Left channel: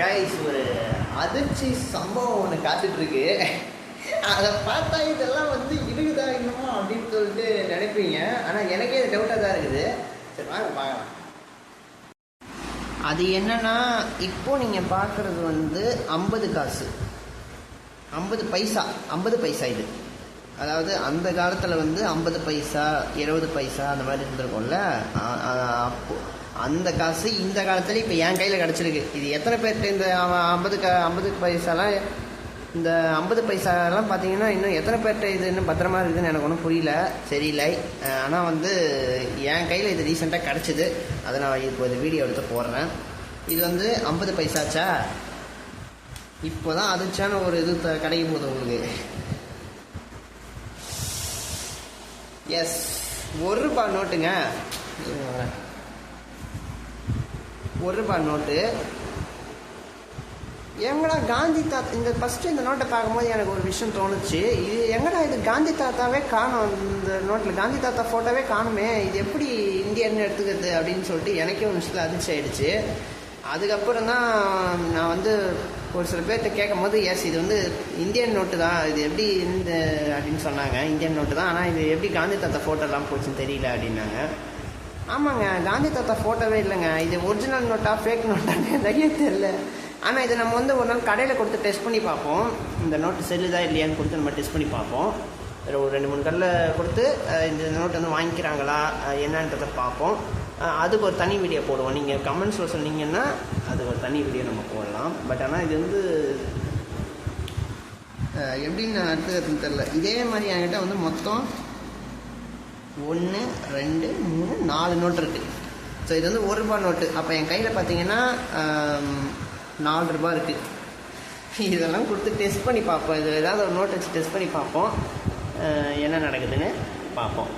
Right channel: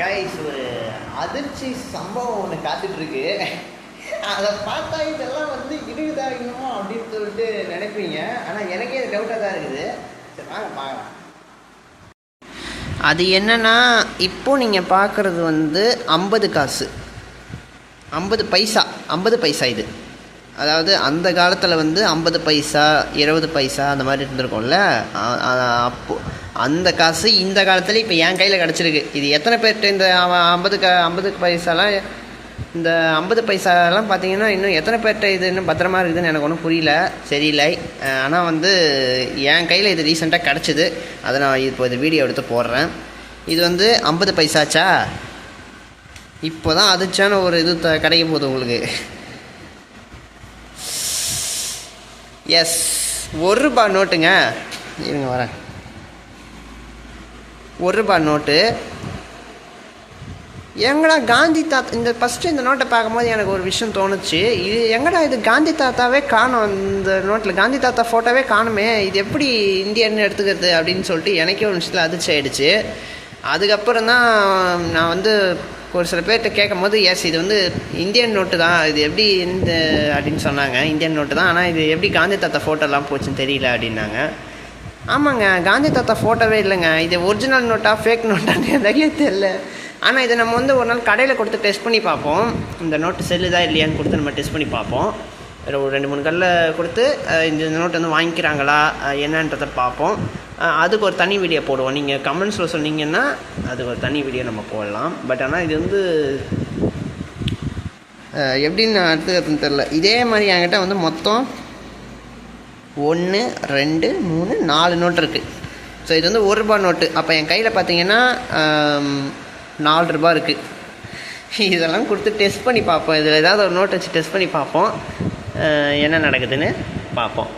Guys ஒரு அதிர்ச்சி சம்பவம் ஒன்று காத்துட்ருக்கு. அதை பார்த்தா இதெல்லாம் வந்து இருக்குதா இன்னமும் அப்படின்னு சொல்லிட்டு நினைப்பீங்க. ஆனால் எனக்கே அது டவுட்டாக தான் இருக்குது. சரி வாங்க பார்க்கலாம். அது என்னன்னா, இப்போ நீங்கள் பார்க்குறது வந்து 50 காசு, 50 பைசா, 50 பைசா இது. அதாவது அந்த காலத்தில் வந்து 50 பைசா 20 பைசா அந்த மாதிரி இருந்திருக்கும்ல. அப்போது அந்த காசு இந்த காலத்தில் இப்போ என் கையில் கிடச்சிருக்கு. இது எத்தனை பேர்கிட்ட இந்த 50 பைசாலாம், இந்த 50 பைசாலாம் பார்த்தீங்கன்னா இன்னும் எத்தனை பேர்கிட்ட இது இன்னும் பத்திரமா இருக்குதுன்னு எனக்கு ஒன்றும் புரியல, சரியில்லை. ஆனால் வந்து என் கையில் இது ரீசெண்டாக கிடச்சிது. அதை நான் இப்போ இது வீடியோ எடுத்து போடுறேன். இது வந்து 50 பைசாச்சா, இப்போ தான் அதிர்ச்சியான ஒரு இது கிடைக்க போகுது உங்களுக்கு. எஸ், ₹1 நோட்டுங்க. இருங்க வரேன். ₹1 நோட்டு. எங்கடா காந்தி தாத்தா, இந்த ஃபஸ்ட்டு இந்த நோட்டை பார்க்கும்போது எனக்கு ஒரு விஷயம் தோணுச்சு. இது எங்கடா இது காந்தி தாத்தாவே காணும், இந்த நோட்டில் காந்தி தாத்தா ஃபோட்டோவே காணுமே, இது எப்படி இந்தியன்னு எடுத்துக்கிறது அப்படின்னு சொல்லிட்டு எனக்கே ஒரு விஷயத்தில் அதிர்ச்சி ஆகிடுச்சு. அதுக்கப்புறம் தான் நான் வந்து ஒரு சில பேர்கிட்ட கேட்கும் போது, எஸ் இது வந்து இந்தியன் நோட்டு தான், இது எப்படி இந்த அப்படின்னு சொன்னாங்க. இந்தியன் நோட்டு தான், ஆனால் இது எப்படி காந்தி தாத்தா ஃபோட்டோலாம் போச்சுன்னு தெரியல அப்படின்னாங்க. ஆமாங்க, காந்தி தாத்தா ஃபோட்டோவே இல்லைங்க. இது ஒரிஜினல் நோட்டா ஃபேக் நோட்டான்னு நிறைய தெரியல. ஆனால் இதை நம்ம வந்து ஒரு நாள் கடையில் கொடுத்து டெஸ்ட் பண்ணி பார்ப்போம். இந்த நோட்டு செல்லுதா இல்லையான்னு கொடுத்து நம்ம டெஸ்ட் பண்ணி பார்ப்போம். ஒரு 2-3 கடையில் கொடுத்து இந்த நோட்டு வந்து வாங்கிக்கிறாங்களா என்னன்றதை பார்ப்போம். அதுக்கு ஒரு தனி வீடியோ போடுவோம். நீங்கள் கமெண்ட்ஸில் சொன்னீங்கன்னா அதுக்கு ஒரு தனி வீடியோ நம்ம போடலாம். பட் ஆனால் இது வந்து எப்படின்னு எடுத்துக்கிறதுன்னு தெரில. இதே மாதிரி என்கிட்ட வந்து மொத்தம் 1 2 3 4 நோட்டு இருக்குது. ஸோ இது வந்து ₹1 நோட்டு. அப்போ என் கையில் பார்த்தீங்கன்னா ₹4 இருக்குது. இதெல்லாம் கொடுத்து டெஸ்ட் பண்ணி பார்ப்போம். இதில் ஏதாவது ஒரு நோட் வச்சு டெஸ்ட் பண்ணி பார்ப்போம், என்ன நடக்குதுன்னு பார்ப்போம்.